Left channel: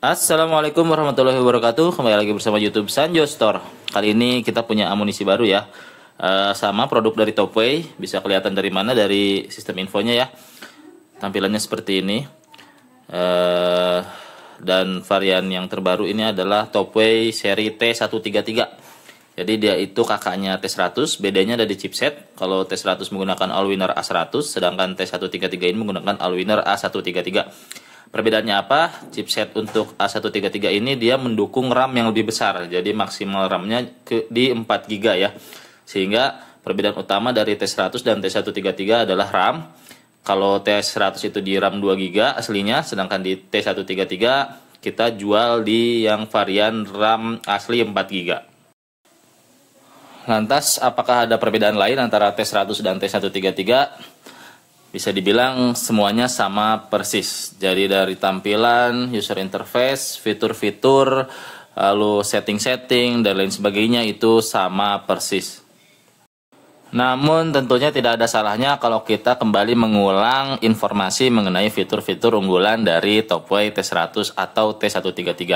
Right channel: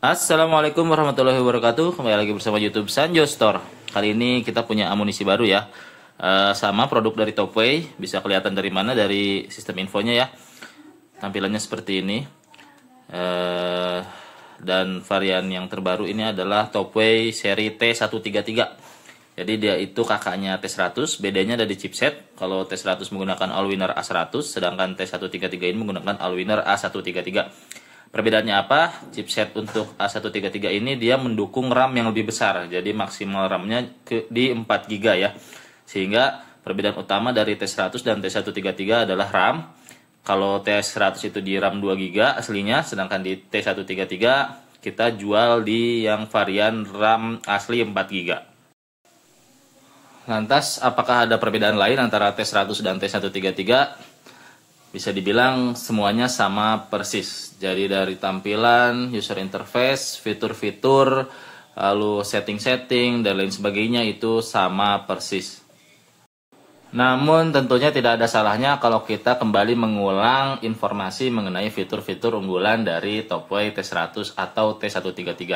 Assalamualaikum warahmatullahi wabarakatuh. Kembali lagi bersama YouTube Sanjo Store. Kali ini kita punya amunisi baru ya. Sama produk dari Topway. Bisa kelihatan dari mana, dari sistem infonya ya. Tampilannya seperti ini. Dan varian yang terbaru ini adalah Topway seri T133. Jadi dia itu kakaknya T100. Bedanya ada di chipset. Kalau T100 menggunakan Allwinner A100, sedangkan T133 ini menggunakan Allwinner A133. Perbedaannya apa? Chipset untuk A133 ini dia mendukung RAM yang lebih besar. Jadi maksimal RAM-nya di 4 GB ya. Sehingga perbedaan utama dari T100 dan T133 adalah RAM. Kalau T100 itu di RAM 2 GB aslinya, sedangkan di T133 kita jual di yang varian RAM asli 4 GB. Lantas apakah ada perbedaan lain antara T100 dan T133? Bisa dibilang semuanya sama persis. Jadi dari tampilan, user interface, fitur-fitur, lalu setting-setting, dan lain sebagainya itu sama persis. Namun tentunya tidak ada salahnya kalau kita kembali mengulang informasi mengenai fitur-fitur unggulan dari Topway T100 atau T133.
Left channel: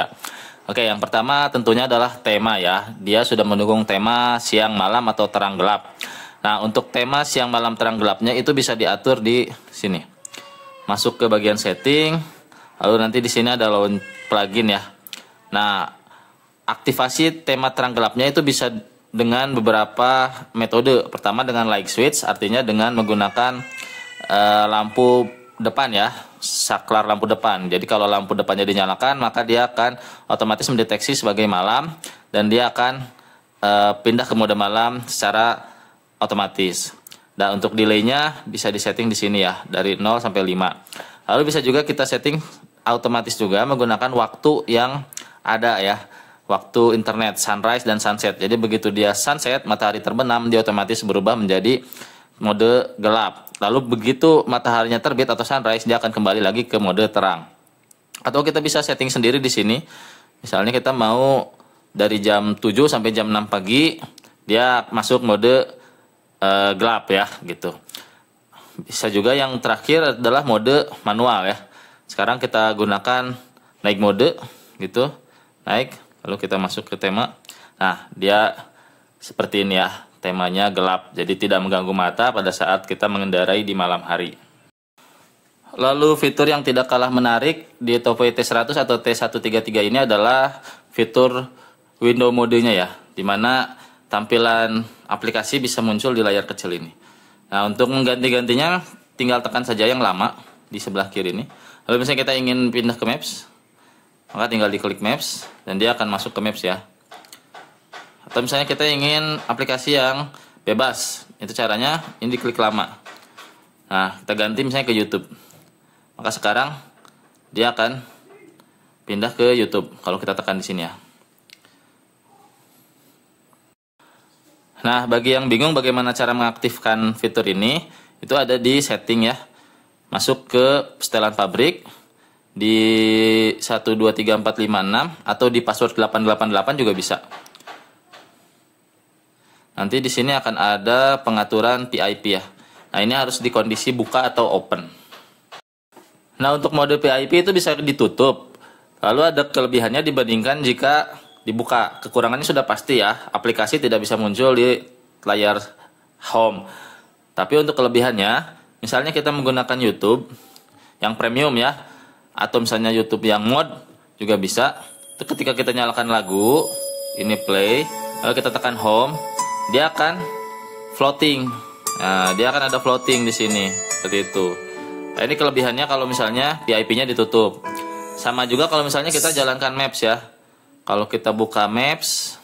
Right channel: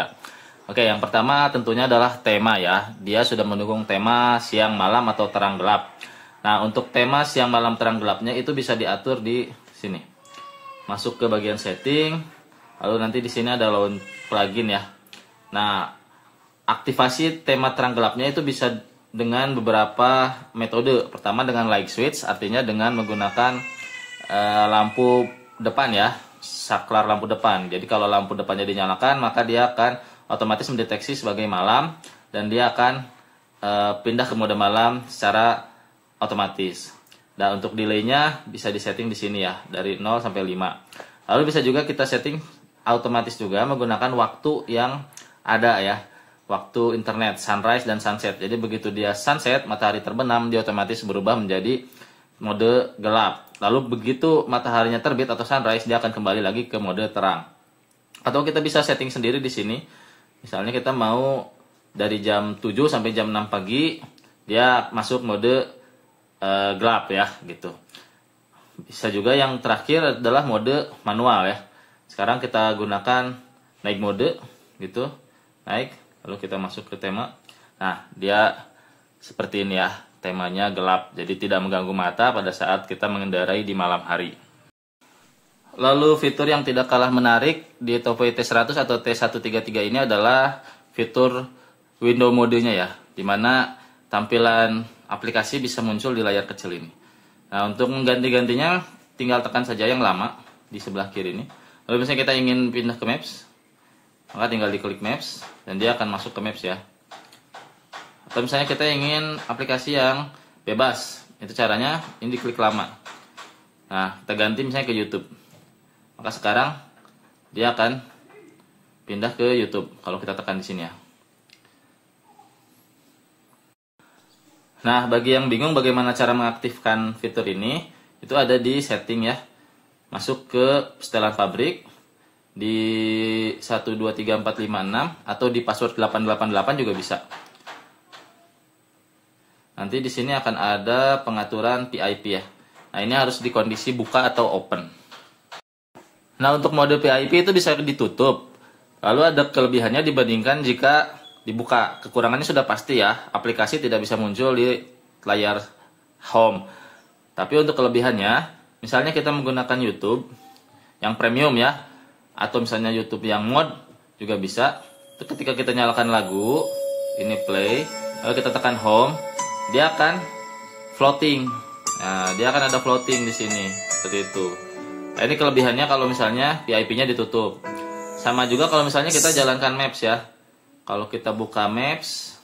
Oke, yang pertama tentunya adalah tema ya. Dia sudah mendukung tema siang, malam, atau terang gelap. Nah, untuk tema siang, malam, terang, gelapnya itu bisa diatur di sini. Masuk ke bagian setting, lalu nanti di sini ada launch plugin ya. Nah, aktivasi tema terang gelapnya itu bisa dengan beberapa metode. Pertama dengan light switch, artinya dengan menggunakan lampu depan ya, saklar lampu depan. Jadi kalau lampu depannya dinyalakan, maka dia akan otomatis mendeteksi sebagai malam dan dia akan pindah ke mode malam secara otomatis. Dan untuk delaynya bisa disetting di sini ya, dari 0 sampai 5. Lalu bisa juga kita setting otomatis juga menggunakan waktu yang ada ya, waktu internet sunrise dan sunset. Jadi begitu dia sunset, matahari terbenam, dia otomatis berubah menjadi mode gelap. Lalu begitu mataharinya terbit atau sunrise, dia akan kembali lagi ke mode terang. Atau kita bisa setting sendiri di sini. Misalnya kita mau dari jam 7 sampai jam 6 pagi dia masuk mode gelap ya gitu. Bisa juga yang terakhir adalah mode manual ya. Sekarang kita gunakan naik mode gitu, naik, lalu kita masuk ke tema. Nah, dia seperti ini ya, temanya gelap, jadi tidak mengganggu mata pada saat kita mengendarai di malam hari. Lalu fitur yang tidak kalah menarik di Topway T100 atau T133 ini adalah fitur window modenya ya, dimana tampilan aplikasi bisa muncul di layar kecil ini. Nah, untuk mengganti-gantinya tinggal tekan saja yang lama di sebelah kiri ini. Lalu misalnya kita ingin pindah ke Maps, maka tinggal diklik Maps dan dia akan masuk ke Maps ya. Atau misalnya kita ingin aplikasi yang bebas, itu caranya ini diklik lama. Nah, kita ganti misalnya ke YouTube. Maka sekarang dia akan pindah ke YouTube kalau kita tekan di sini ya. Nah, bagi yang bingung bagaimana cara mengaktifkan fitur ini, itu ada di setting ya. Masuk ke setelan pabrik di 123456 atau di password 888 juga bisa. Nanti di sini akan ada pengaturan PIP ya. Nah, ini harus di kondisi buka atau open. Nah, untuk mode PIP itu bisa ditutup. Lalu ada kelebihannya dibandingkan jika dibuka. Kekurangannya sudah pasti ya, aplikasi tidak bisa muncul di layar home. Tapi untuk kelebihannya, misalnya kita menggunakan YouTube yang premium ya, atau misalnya YouTube yang mod juga bisa. Itu ketika kita nyalakan lagu, ini play, lalu kita tekan home, dia akan floating. Nah, dia akan ada floating di sini, seperti itu. Nah, ini kelebihannya kalau misalnya PIP-nya ditutup. Sama juga kalau misalnya kita jalankan Maps ya. Kalau kita buka Maps,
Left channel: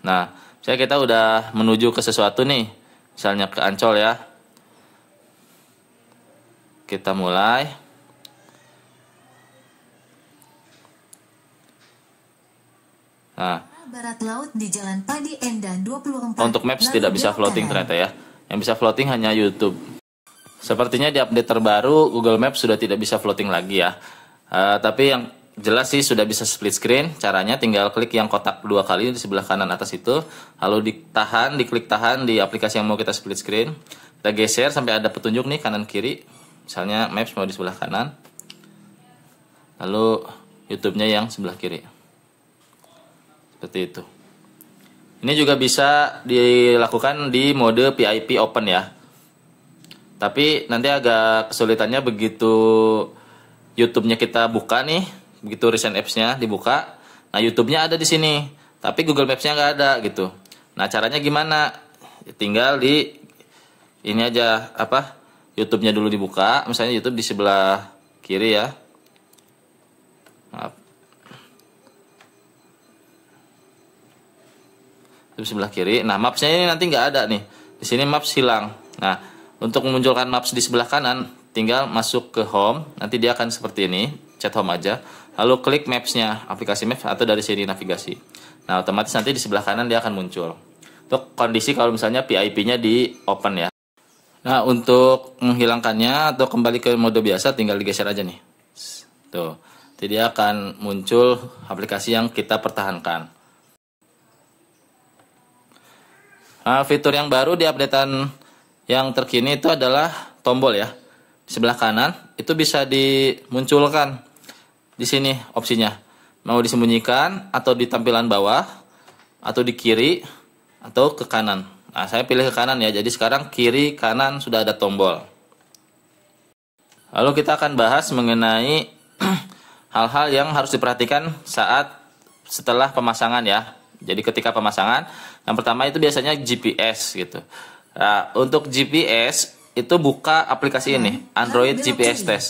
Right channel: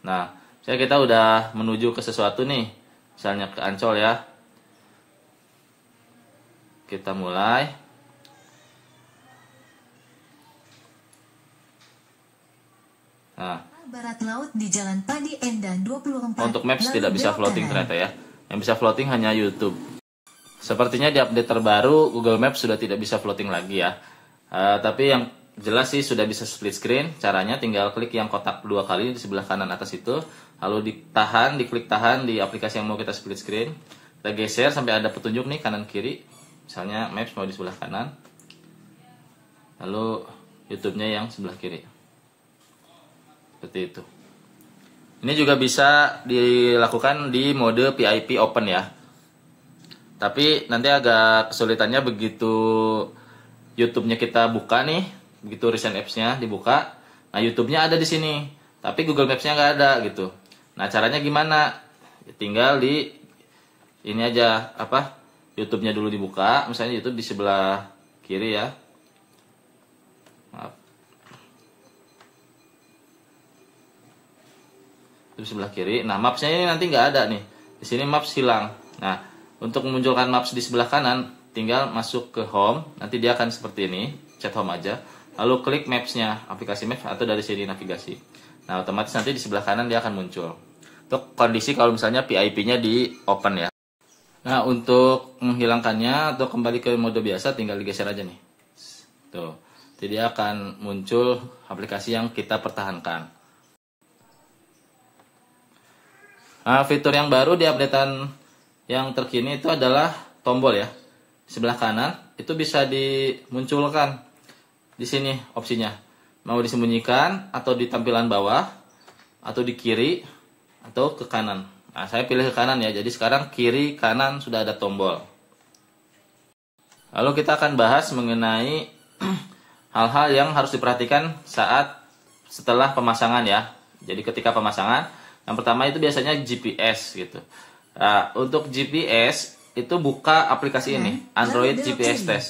nah, misalnya kita udah menuju ke sesuatu nih, misalnya ke Ancol ya. Kita mulai. Nah, barat laut di Jalan Padi Endan 24. Untuk Maps tidak bisa floating ternyata ya. Yang bisa floating hanya YouTube. Sepertinya di update terbaru Google Maps sudah tidak bisa floating lagi ya. Tapi yang jelas sih sudah bisa split screen. Caranya tinggal klik yang kotak 2 kali di sebelah kanan atas itu, lalu diklik tahan di aplikasi yang mau kita split screen. Kita geser sampai ada petunjuk nih kanan kiri. Misalnya Maps mau di sebelah kanan. lalu YouTube-nya yang sebelah kiri. Seperti itu. Ini juga bisa dilakukan di mode PIP open ya. Tapi nanti agak kesulitannya begitu YouTube-nya kita buka nih, begitu recent apps-nya dibuka. Nah, YouTube-nya ada di sini, tapi Google Maps-nya nggak ada gitu. Nah, caranya gimana? Tinggal di ini aja, YouTube-nya dulu dibuka. Misalnya YouTube di sebelah kiri ya. Maaf. Di sebelah kiri. Nah, Maps-nya ini nanti nggak ada nih. Di sini Maps hilang. Nah, untuk memunculkan Maps di sebelah kanan, tinggal masuk ke Home. Nanti dia akan seperti ini, chat Home aja. Lalu klik Maps-nya, aplikasi Maps atau dari sini navigasi. Nah, otomatis nanti di sebelah kanan dia akan muncul. Untuk kondisi kalau misalnya PIP-nya di open ya. Nah, untuk menghilangkannya atau kembali ke mode biasa tinggal digeser aja nih. Tuh. Jadi dia akan muncul aplikasi yang kita pertahankan. Nah, fitur yang baru di updatean yang terkini itu adalah tombol ya. Di sebelah kanan itu bisa dimunculkan di sini opsinya. Mau disembunyikan atau di tampilan bawah atau di kiri atau ke kanan. Nah, saya pilih ke kanan ya. Jadi sekarang kiri kanan sudah ada tombol. Lalu kita akan bahas mengenai hal-hal yang harus diperhatikan setelah pemasangan ya. Jadi ketika pemasangan, yang pertama itu biasanya GPS gitu. Nah, untuk GPS itu buka aplikasi ini, Android GPS Test.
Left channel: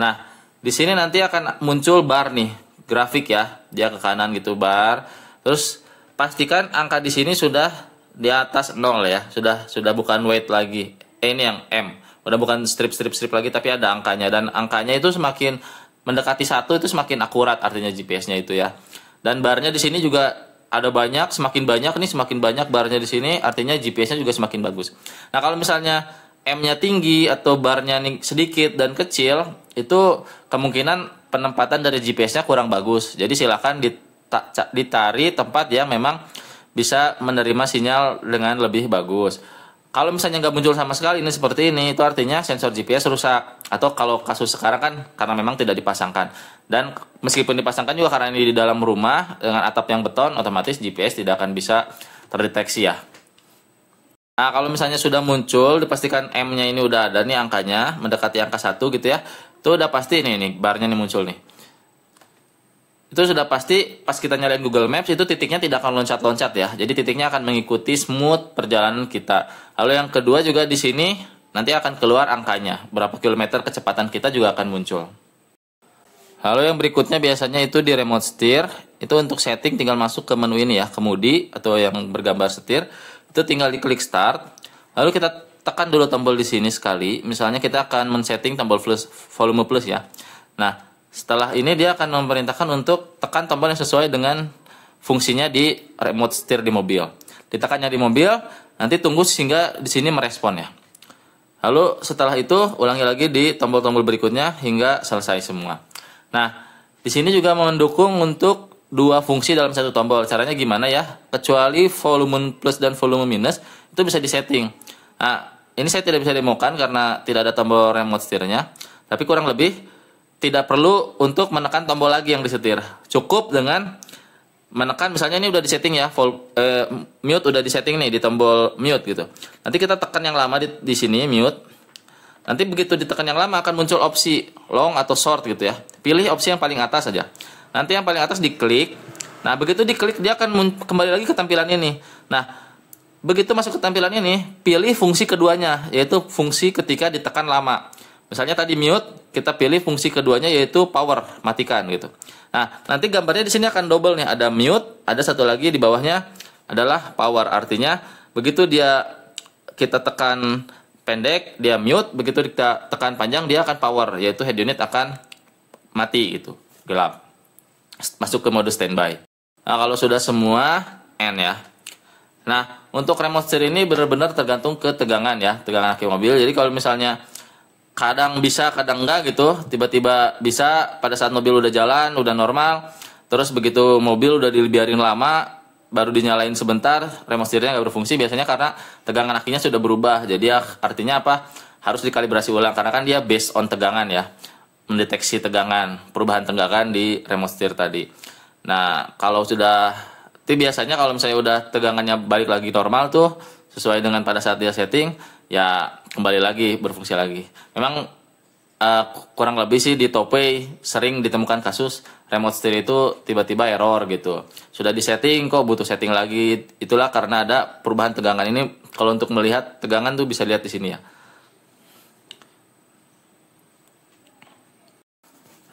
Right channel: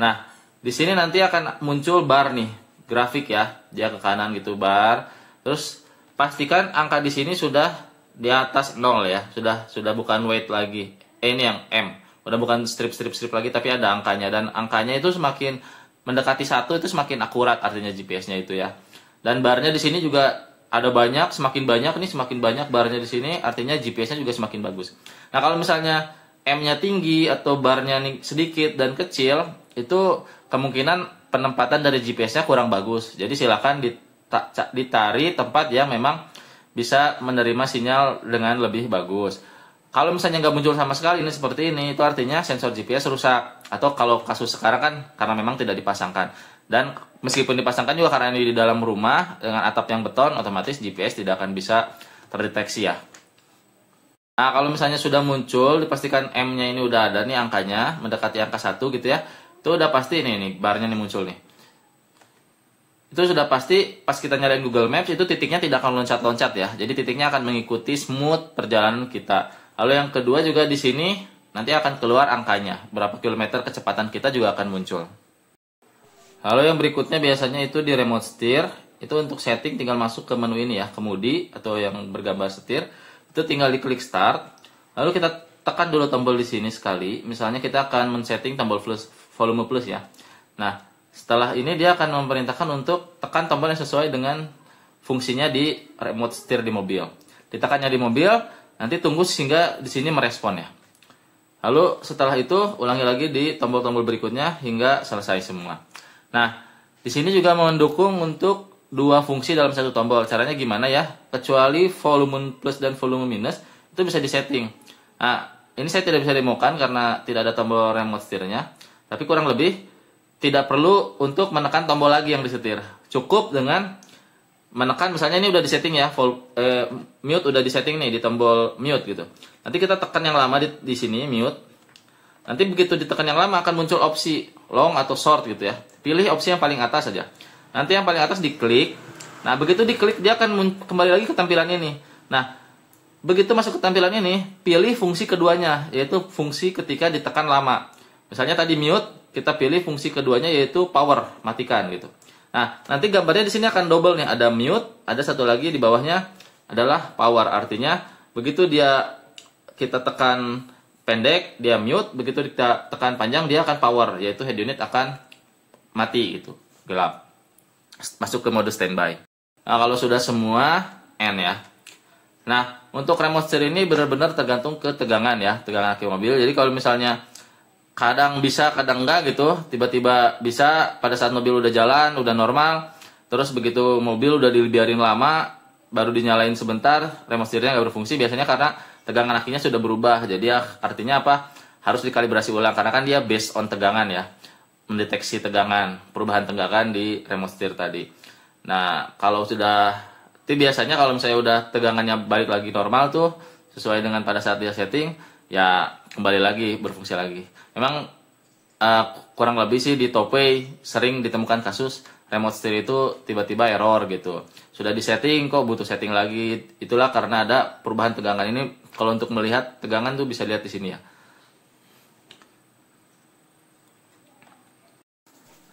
Nah, di sini nanti akan muncul bar nih, grafik ya, dia ke kanan gitu bar. Terus pastikan angka di sini sudah di atas 0 ya, sudah bukan weight lagi. Ini yang M, udah bukan strip lagi tapi ada angkanya, dan angkanya itu semakin mendekati 1 itu semakin akurat artinya GPS-nya itu ya. Dan barnya di sini juga ada banyak, semakin banyak barnya di sini artinya GPS-nya juga semakin bagus. Nah, kalau misalnya M-nya tinggi atau barnya sedikit dan kecil, itu kemungkinan penempatan dari GPS-nya kurang bagus. Jadi silakan ditari tempat yang memang bisa menerima sinyal dengan lebih bagus. Kalau misalnya nggak muncul sama sekali ini seperti ini, itu artinya sensor GPS rusak. Atau kalau kasus sekarang kan karena memang tidak dipasangkan. Dan meskipun dipasangkan juga karena ini di dalam rumah dengan atap yang beton, otomatis GPS tidak akan bisa terdeteksi ya. Nah, kalau misalnya sudah muncul, dipastikan M-nya ini udah ada nih angkanya, mendekati angka 1 gitu ya. Itu udah pasti nih barnya nih muncul nih. Itu sudah pasti pas kita nyalain Google Maps itu titiknya tidak akan loncat-loncat ya. Jadi titiknya akan mengikuti smooth perjalanan kita. Lalu yang kedua juga di sini nanti akan keluar angkanya. Berapa kilometer kecepatan kita juga akan muncul. Lalu yang berikutnya biasanya itu di remote steer. Itu untuk setting tinggal masuk ke menu ini ya, kemudi atau yang bergambar setir. Itu tinggal diklik start. Lalu kita tekan dulu tombol di sini sekali. Misalnya kita akan men-setting tombol volume plus ya. Nah, setelah ini dia akan memerintahkan untuk tekan tombol yang sesuai dengan fungsinya di remote steer di mobil. Ditekannya di mobil, nanti tunggu sehingga di sini merespon ya. Lalu setelah itu ulangi lagi di tombol-tombol berikutnya hingga selesai semua. Nah, di sini juga mendukung untuk dua fungsi dalam satu tombol. Caranya gimana ya? Kecuali volume plus dan volume minus itu bisa disetting. Nah, ini saya tidak bisa demokan karena tidak ada tombol remote steer-nya. Tapi kurang lebih tidak perlu untuk menekan tombol lagi yang disetir. Cukup dengan menekan, misalnya ini udah disetting ya, mute udah disetting nih di tombol mute gitu. Nanti kita tekan yang lama di sini mute. Nanti begitu ditekan yang lama akan muncul opsi long atau short gitu ya. Pilih opsi yang paling atas saja. Nanti yang paling atas diklik. Nah, begitu diklik dia akan kembali lagi ke tampilan ini. Nah, begitu masuk ke tampilan ini, pilih fungsi keduanya, yaitu fungsi ketika ditekan lama. Misalnya tadi mute, kita pilih fungsi keduanya yaitu power, matikan gitu. Nah, nanti gambarnya di sini akan double nih, ada mute, ada satu lagi di bawahnya adalah power. Artinya begitu kita tekan pendek, dia mute, begitu kita tekan panjang dia akan power, yaitu head unit akan mati gitu, gelap. Masuk ke mode standby. Nah, kalau sudah semua N ya. Nah, untuk remote steer ini benar-benar tergantung ke tegangan ya, tegangan aki mobil. Jadi kalau misalnya kadang bisa, kadang enggak gitu. Tiba-tiba bisa pada saat mobil udah jalan, udah normal. Terus begitu mobil udah dibiarin lama, baru dinyalain sebentar, remote steer-nya nggak berfungsi. Biasanya karena tegangan akinya sudah berubah. Jadi artinya apa? Harus dikalibrasi ulang. Karena kan dia based on tegangan ya. mendeteksi tegangan, perubahan tegangan di remote steer tadi. Nah, kalau sudah, itu biasanya kalau misalnya udah tegangannya balik lagi normal tuh, sesuai dengan pada saat dia setting, ya kembali lagi, berfungsi lagi. Memang kurang lebih sih di Topay sering ditemukan kasus remote steer itu tiba-tiba error gitu. Sudah disetting kok butuh setting lagi. Itulah karena ada perubahan tegangan ini. Kalau untuk melihat tegangan tuh bisa lihat di sini ya.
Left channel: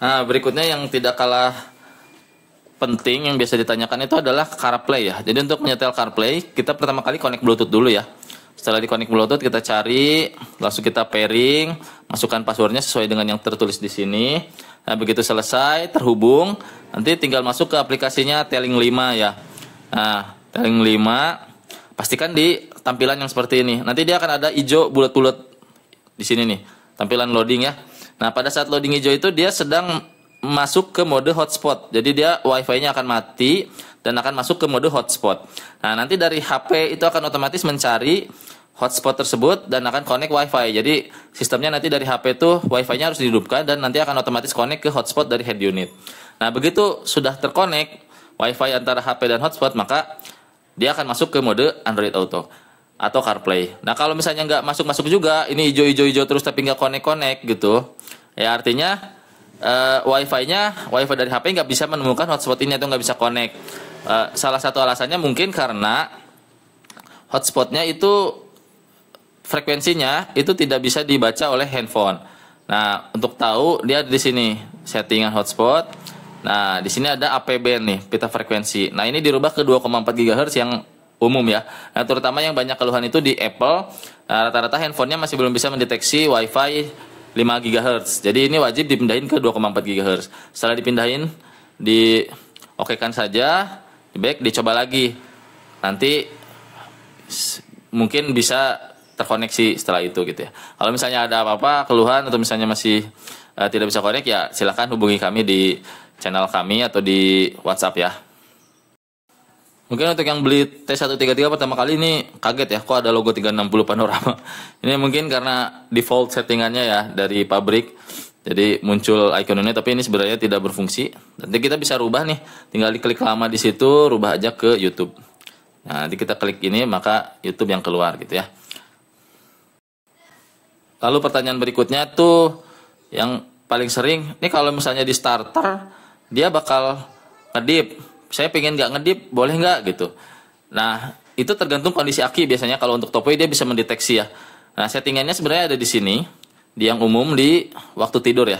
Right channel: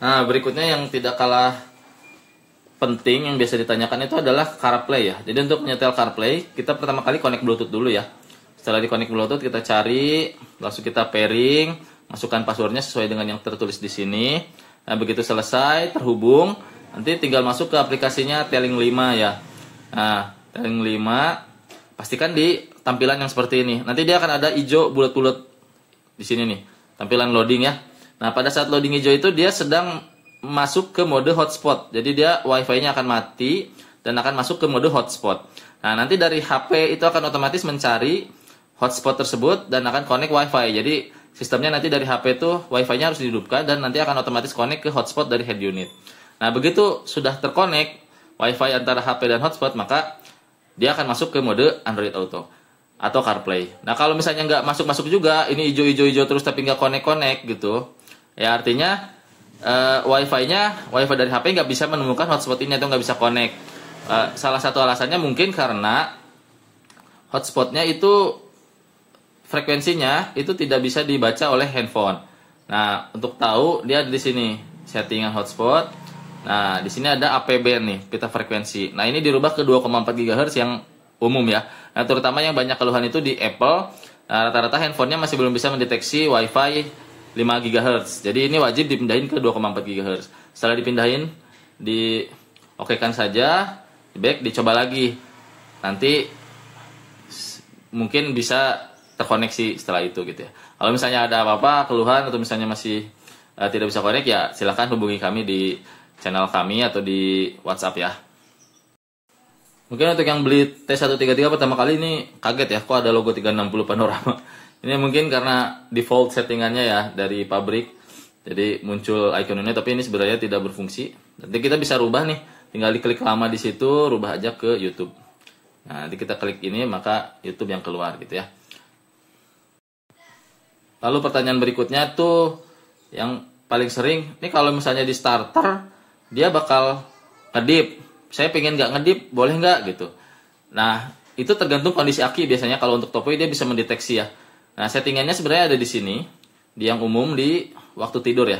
Nah, berikutnya yang tidak kalah penting yang biasa ditanyakan itu adalah CarPlay ya. Jadi untuk menyetel CarPlay, kita pertama kali connect Bluetooth dulu ya. Setelah di connect Bluetooth, kita cari, langsung kita pairing, masukkan passwordnya sesuai dengan yang tertulis di sini. Nah, begitu selesai, terhubung, nanti tinggal masuk ke aplikasinya Telling 5 ya. Nah, Telling 5, pastikan di tampilan yang seperti ini. Nanti dia akan ada hijau bulat-bulat di sini nih, tampilan loading ya. Nah, pada saat loading hijau itu dia sedang masuk ke mode hotspot. Jadi dia wifi-nya akan mati dan akan masuk ke mode hotspot. Nah, nanti dari HP itu akan otomatis mencari hotspot tersebut dan akan connect wifi. Jadi sistemnya nanti dari HP itu wifi-nya harus dihidupkan dan nanti akan otomatis connect ke hotspot dari head unit. Nah, begitu sudah terconnect wifi antara HP dan hotspot, maka dia akan masuk ke mode Android Auto atau CarPlay. Nah, kalau misalnya nggak masuk-masuk juga, ini hijau-hijau terus tapi nggak connect-connect gitu, ya artinya wifi dari HP nggak bisa menemukan hotspot ini atau nggak bisa connect. Salah satu alasannya mungkin karena hotspotnya itu frekuensinya itu tidak bisa dibaca oleh handphone. Nah, untuk tahu dia di sini settingan hotspot. Nah, di sini ada AP band nih, pita frekuensi. Nah, ini dirubah ke 2,4 GHz yang umum ya. Nah, terutama yang banyak keluhan itu di Apple. Rata-rata handphonenya masih belum bisa mendeteksi Wi-Fi 5 GHz. Jadi ini wajib dipindahin ke 2,4 GHz. Setelah dipindahin, okekan saja, di back, dicoba lagi. Nanti mungkin bisa terkoneksi setelah itu gitu ya. Kalau misalnya ada apa-apa, keluhan atau misalnya masih tidak bisa connect, ya silakan hubungi kami di channel kami atau di WhatsApp ya. Mungkin untuk yang beli T133 pertama kali ini kaget ya, kok ada logo 360 panorama. Ini mungkin karena default settingannya ya dari pabrik. Jadi muncul icon ini, tapi ini sebenarnya tidak berfungsi. Nanti kita bisa rubah nih, tinggal diklik lama di situ, rubah aja ke YouTube. Nah, nanti kita klik ini, maka YouTube yang keluar gitu ya. Lalu pertanyaan berikutnya tuh yang paling sering, ini kalau misalnya di starter dia bakal ngedip. Saya pengen nggak ngedip, boleh nggak gitu. Nah, itu tergantung kondisi aki biasanya. Kalau untuk Topay dia bisa mendeteksi ya. Nah, settingannya sebenarnya ada di sini, di yang umum di waktu tidur ya.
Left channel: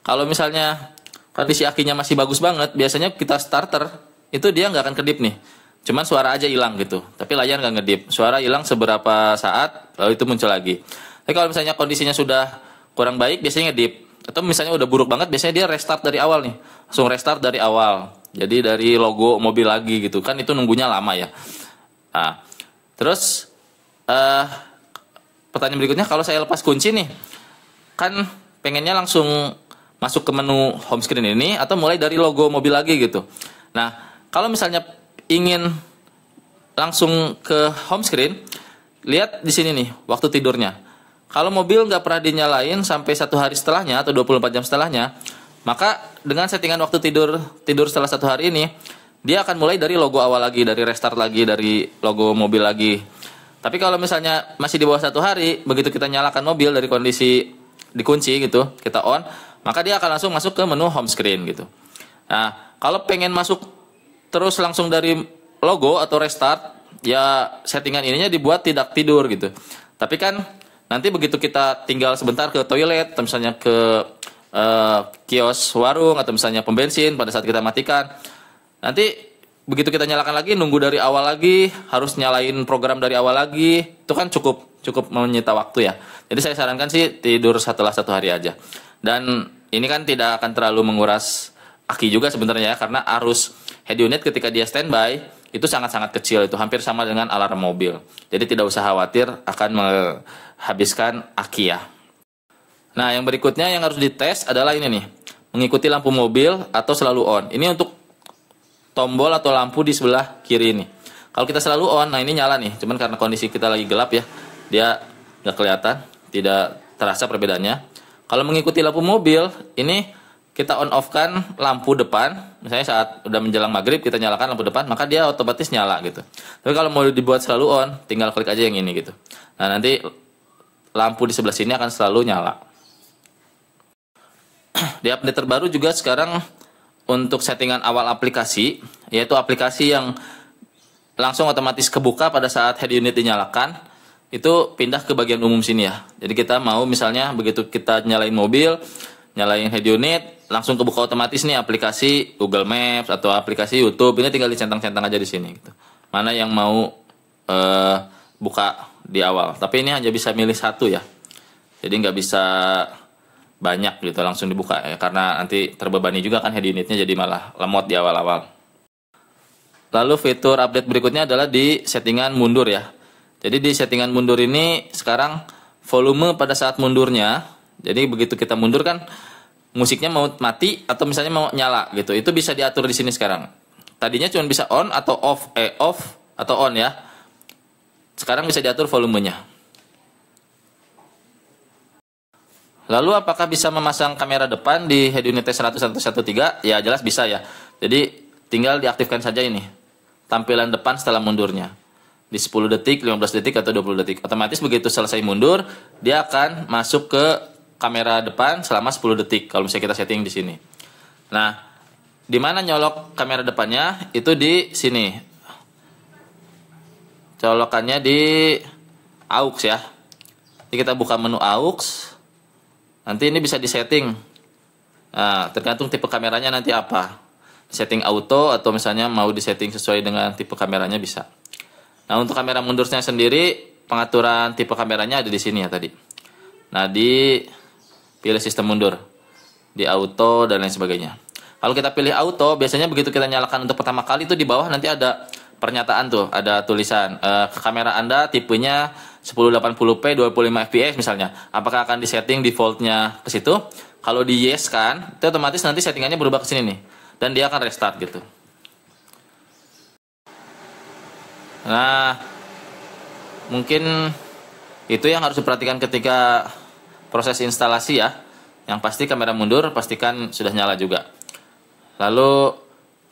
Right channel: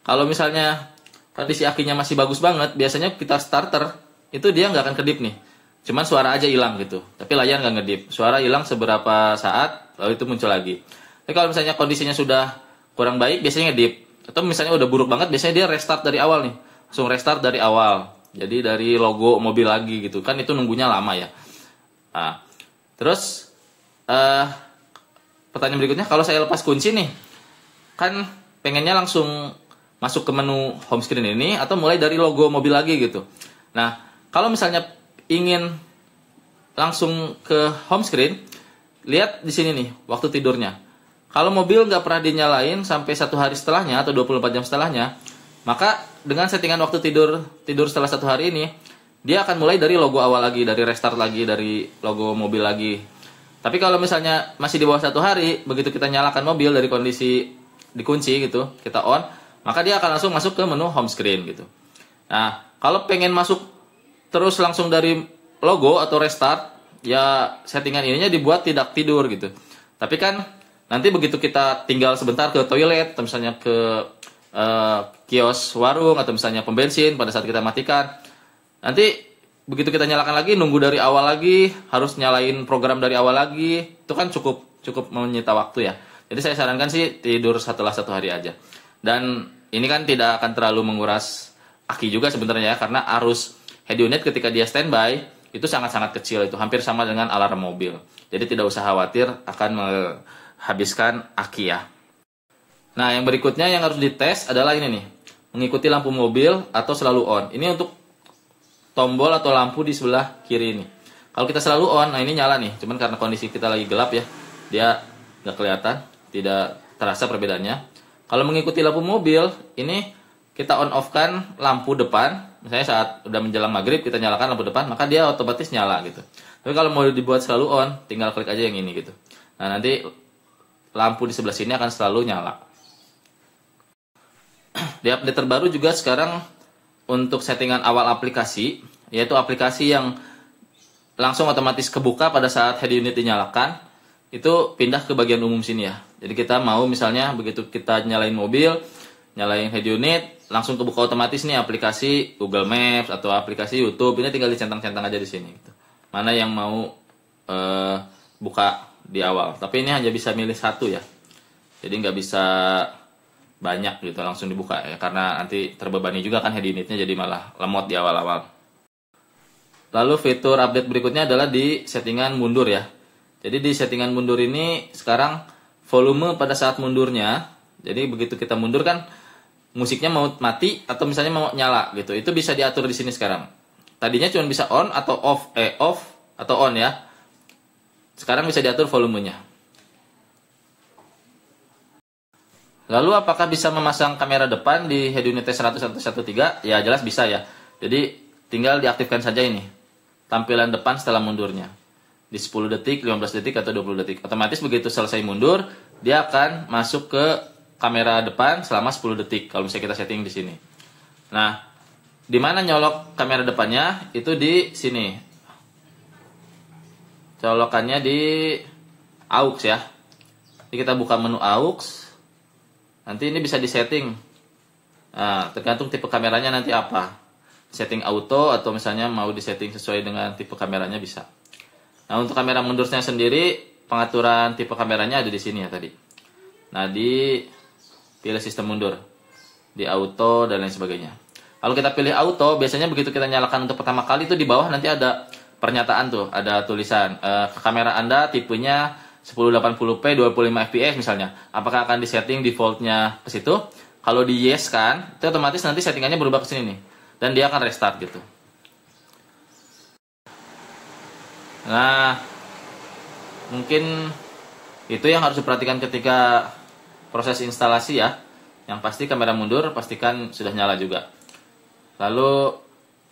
Kalau misalnya kondisi akinya masih bagus banget, biasanya kita starter itu dia nggak akan kedip nih. Cuma suara aja hilang gitu. Tapi layar nggak ngedip. Suara hilang seberapa saat, lalu itu muncul lagi. Tapi kalau misalnya kondisinya sudah kurang baik, biasanya ngedip. Atau misalnya udah buruk banget, biasanya dia restart dari awal nih. Langsung restart dari awal. Jadi dari logo mobil lagi gitu kan, itu nunggunya lama ya. Nah, terus pertanyaan berikutnya, kalau saya lepas kunci nih, kan pengennya langsung masuk ke menu home screen ini atau mulai dari logo mobil lagi gitu. Nah, kalau misalnya ingin langsung ke home screen, lihat di sini nih waktu tidurnya. Kalau mobil nggak pernah dinyalain sampai 1 hari setelahnya atau 24 jam setelahnya, maka dengan settingan waktu tidur setelah 1 hari ini, dia akan mulai dari logo awal lagi, dari restart lagi, dari logo mobil lagi. Tapi kalau misalnya masih di bawah 1 hari, begitu kita nyalakan mobil dari kondisi dikunci gitu, kita on, maka dia akan langsung masuk ke menu home screen gitu. Nah, kalau pengen masuk terus langsung dari logo atau restart, ya settingan ininya dibuat tidak tidur gitu. Tapi kan nanti begitu kita tinggal sebentar ke toilet, atau misalnya ke kios warung atau misalnya pom bensin, pada saat kita matikan, nanti begitu kita nyalakan lagi, nunggu dari awal lagi, harus nyalain program dari awal lagi, itu kan cukup menyita waktu ya. Jadi saya sarankan sih tidur setelah 1 hari aja. Dan ini kan tidak akan terlalu menguras aki juga sebenarnya ya, karena arus head unit ketika dia standby itu sangat-sangat kecil, itu hampir sama dengan alarm mobil. Jadi tidak usah khawatir akan menghabiskan aki ya. Nah, yang berikutnya yang harus dites adalah ini nih, mengikuti lampu mobil atau selalu on. Ini untuk tombol atau lampu di sebelah kiri ini. Kalau kita selalu on, nah ini nyala nih. Cuman karena kondisi kita lagi gelap ya, dia nggak kelihatan, tidak terasa perbedaannya. Kalau mengikuti lampu mobil, ini kita on off kan lampu depan, misalnya saat udah menjelang maghrib kita nyalakan lampu depan, maka dia otomatis nyala gitu. Tapi kalau mau dibuat selalu on, tinggal klik aja yang ini gitu. Nah nanti lampu di sebelah sini akan selalu nyala. Di update terbaru juga sekarang untuk settingan awal aplikasi, yaitu aplikasi yang langsung otomatis kebuka pada saat head unit dinyalakan, itu pindah ke bagian umum sini ya. Jadi kita mau misalnya begitu kita nyalain mobil, nyalain head unit, langsung kebuka otomatis nih aplikasi Google Maps atau aplikasi YouTube. Ini tinggal dicentang-centang aja di sini gitu. Mana yang mau buka di awal. Tapi ini hanya bisa milih satu ya. Jadi nggak bisa banyak gitu langsung dibuka ya, karena nanti terbebani juga kan head unitnya, jadi malah lemot di awal-awal. Lalu fitur update berikutnya adalah di settingan mundur ya. Jadi di settingan mundur ini sekarang volume pada saat mundurnya, jadi begitu kita mundur kan musiknya mau mati atau misalnya mau nyala gitu, itu bisa diatur di sini sekarang. Tadinya cuma bisa on atau off atau on ya. Sekarang bisa diatur volumenya. Lalu apakah bisa memasang kamera depan di head unit T100-113? Ya jelas bisa ya. Jadi tinggal diaktifkan saja ini tampilan depan setelah mundurnya. Di 10 detik, 15 detik, atau 20 detik. Otomatis begitu selesai mundur, dia akan masuk ke kamera depan selama 10 detik. Kalau misalnya kita setting di sini. Nah, di mana nyolok kamera depannya? Itu di sini. Colokannya di aux ya. Jadi kita buka menu aux. Nanti ini bisa disetting. Nah, tergantung tipe kameranya nanti apa. Setting auto atau misalnya mau disetting sesuai dengan tipe kameranya bisa. Nah, untuk kamera mundurnya sendiri, pengaturan tipe kameranya ada di sini ya tadi. Nah, di pilih sistem mundur. Di auto dan lain sebagainya. Kalau kita pilih auto, biasanya begitu kita nyalakan untuk pertama kali itu di bawah nanti ada pernyataan tuh, ada tulisan kamera Anda tipenya 1080p 25 fps misalnya. Apakah akan disetting defaultnya ke situ? Kalau di yes kan, itu otomatis nanti settingannya berubah ke sini nih. Dan dia akan restart gitu. Nah, mungkin itu yang harus diperhatikan ketika proses instalasi ya. Yang pasti kamera mundur pastikan sudah nyala juga. Lalu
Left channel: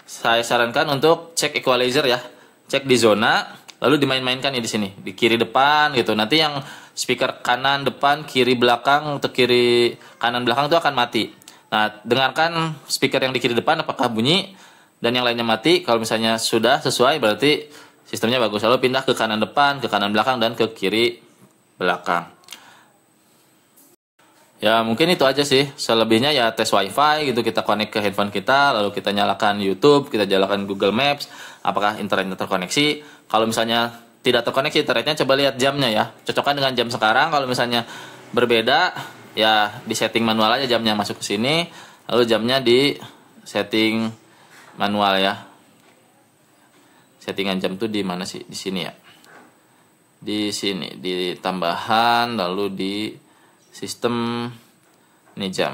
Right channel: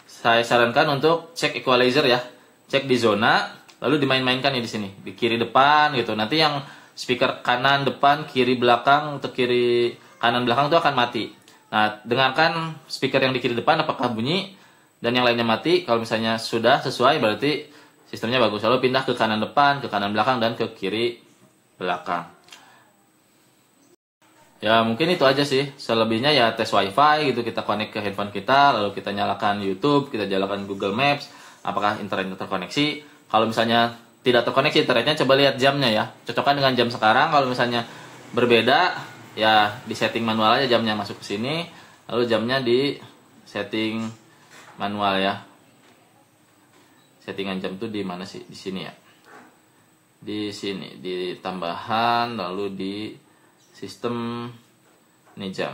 saya sarankan untuk cek equalizer ya. Cek di zona, lalu dimain-mainkan ya di sini, di kiri depan gitu. Nanti yang speaker kanan depan, kiri belakang atau kiri kanan belakang itu akan mati. Nah, dengarkan speaker yang di kiri depan apakah bunyi dan yang lainnya mati. Kalau misalnya sudah sesuai berarti sistemnya bagus. Lalu pindah ke kanan depan, ke kanan belakang, dan ke kiri belakang. Ya mungkin itu aja sih. Selebihnya ya tes wifi gitu, kita connect ke handphone kita, lalu kita nyalakan YouTube, kita nyalakan Google Maps, apakah internetnya terkoneksi. Kalau misalnya tidak terkoneksi internetnya, coba lihat jamnya ya, cocokkan dengan jam sekarang. Kalau misalnya berbeda ya di setting manual aja jamnya, masuk ke sini, lalu jamnya di setting manual ya. Settingan jam tuh di mana sih? Di sini ya. Di sini di tambahan, lalu di sistem ini jam.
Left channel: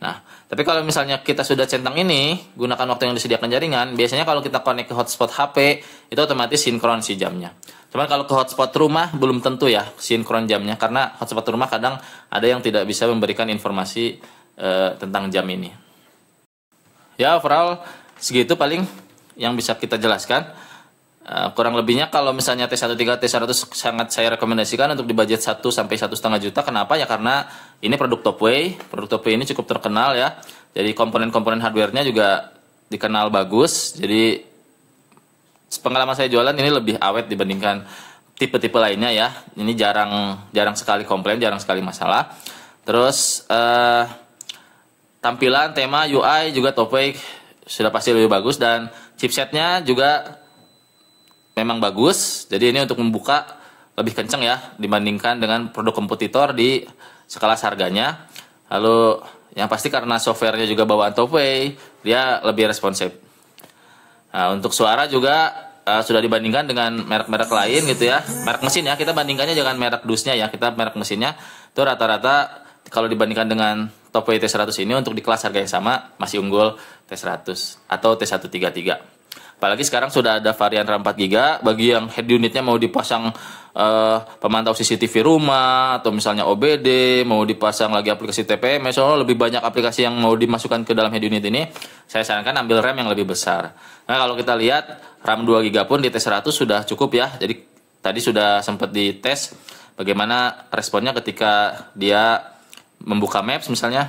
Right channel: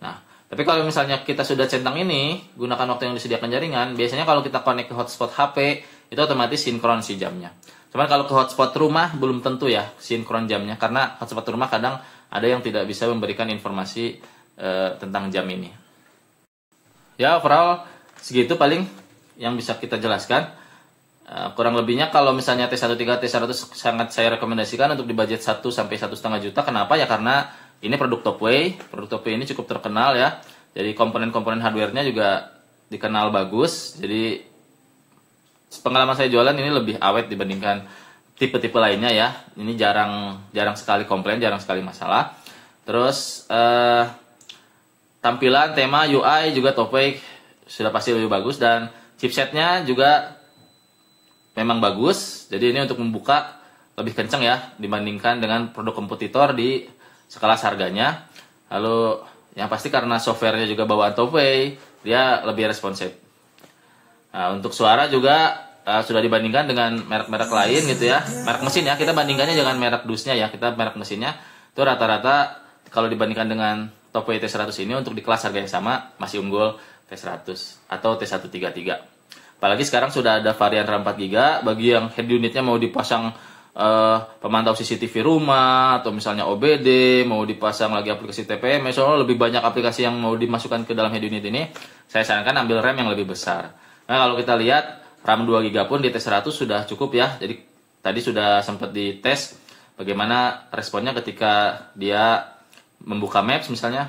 Nah, tapi kalau misalnya kita sudah centang ini, gunakan waktu yang disediakan jaringan. Biasanya kalau kita connect ke hotspot HP, itu otomatis sinkron si jamnya. Cuman kalau ke hotspot rumah belum tentu ya sinkron jamnya, karena hotspot rumah kadang ada yang tidak bisa memberikan informasi tentang jam ini. Ya overall segitu paling yang bisa kita jelaskan. Kurang lebihnya kalau misalnya T13, T100 sangat saya rekomendasikan untuk di budget 1 sampai 1,5 juta. Kenapa? Ya karena ini produk Topway. Produk Topway ini cukup terkenal ya. Jadi komponen-komponen hardware-nya juga dikenal bagus. Jadi pengalaman saya jualan ini lebih awet dibandingkan tipe-tipe lainnya ya. Ini jarang sekali komplain, jarang sekali masalah. Terus tampilan, tema, UI juga Topway sudah pasti lebih bagus, dan chipsetnya juga memang bagus. Jadi ini untuk membuka lebih kencang ya dibandingkan dengan produk kompetitor di skala harganya. Lalu yang pasti karena softwarenya juga bawaan Topway, dia lebih responsif. Nah, untuk suara juga sudah dibandingkan dengan merek-merek lain gitu ya. Merek mesin ya, kita bandingkannya jangan merek dusnya ya, kita merek mesinnya. Itu rata-rata kalau dibandingkan dengan Topway T100 ini untuk di kelas harga yang sama masih unggul T100 atau T133. Apalagi sekarang sudah ada varian RAM 4GB. Bagi yang head unitnya mau dipasang pemantau CCTV rumah atau misalnya OBD, mau dipasang lagi aplikasi TPM, soalnya lebih banyak aplikasi yang mau dimasukkan ke dalam head unit ini, saya sarankan ambil RAM yang lebih besar. Nah, kalau kita lihat RAM 2 GB pun di T100 sudah cukup ya. Jadi tadi sudah sempat dites bagaimana responnya ketika dia membuka Maps misalnya.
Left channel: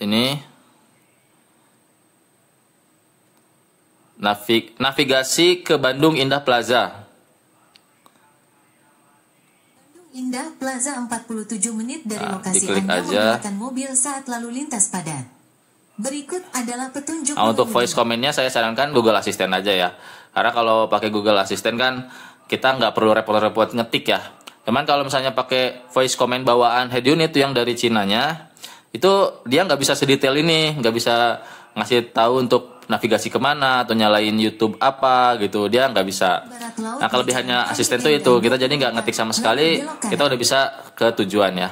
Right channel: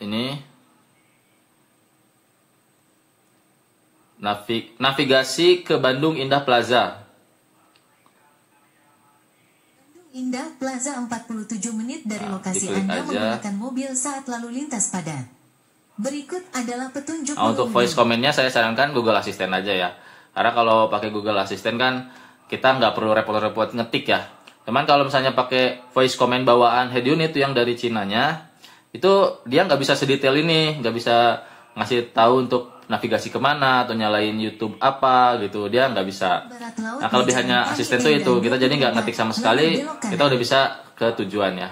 Ini navigasi ke Bandung Indah Plaza. Indah Plaza 47 menit dari lokasi diklik Anda aja. menggunakan mobil saat lalu lintas padat. Berikut adalah petunjuk Untuk mengemudi. voice command-nya saya sarankan Google Assistant aja ya. Karena kalau pakai Google Assistant kan kita nggak perlu repot-repot ngetik ya. Cuman kalau misalnya pakai voice command bawaan head unit yang dari Cinanya, itu dia nggak bisa sedetail ini, nggak bisa ngasih tahu untuk navigasi kemana atau nyalain YouTube apa gitu, dia nggak bisa. Barat laut Nah, di kelebihannya Jalan asisten Padi tuh itu, Endan kita jadi nggak 24, ngetik sama lalu sekali, belok kanan. kita udah bisa ke tujuan ya.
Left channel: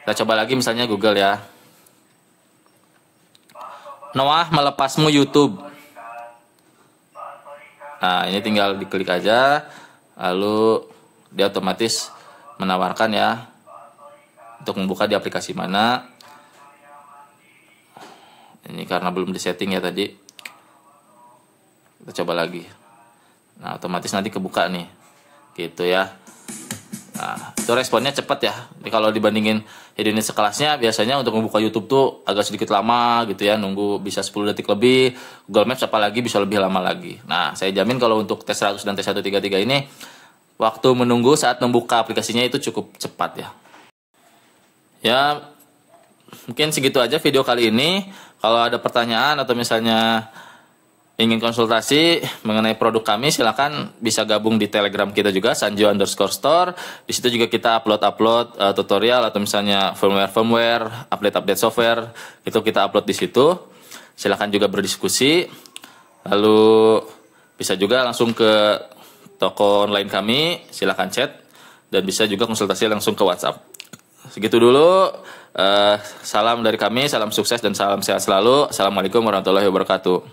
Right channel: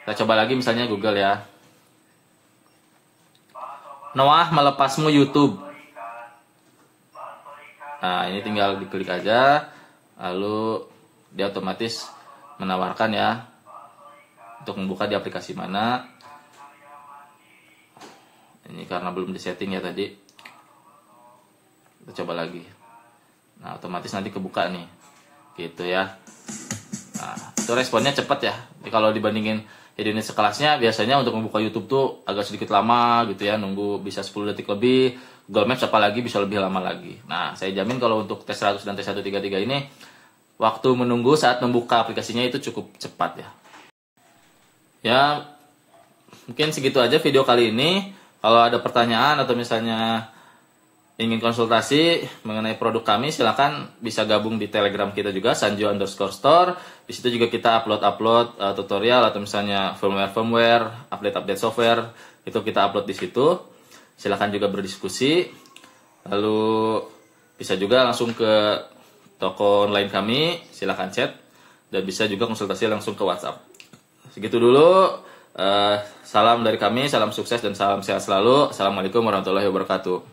Kita coba lagi misalnya Google ya. Noah melepasmu YouTube. Nah, ini tinggal diklik aja, lalu dia otomatis menawarkan ya untuk membuka di aplikasi mana. Ini karena belum disetting ya tadi. Kita coba lagi. Nah, otomatis nanti kebuka nih. Gitu ya. Nah, itu responnya cepat ya. Jadi kalau dibandingin head unit sekelasnya, biasanya untuk membuka YouTube tuh agak sedikit lama gitu ya. Nunggu bisa 10 detik lebih. Google Maps apalagi bisa lebih lama lagi. Nah, saya jamin kalau untuk T100 dan T133 ini, waktu menunggu saat membuka aplikasinya itu cukup cepat ya. Ya, mungkin segitu aja video kali ini. Kalau ada pertanyaan atau misalnya ingin konsultasi mengenai produk kami, silakan bisa gabung di Telegram kita juga, sanjo_store. Di situ juga kita upload tutorial atau misalnya firmware, update software, itu kita upload di situ. Silakan juga berdiskusi. Lalu bisa juga langsung ke toko online kami, silakan chat, dan bisa juga konsultasi langsung ke WhatsApp. Segitu dulu. Salam dari kami, salam sukses dan salam sehat selalu. Assalamualaikum warahmatullahi wabarakatuh.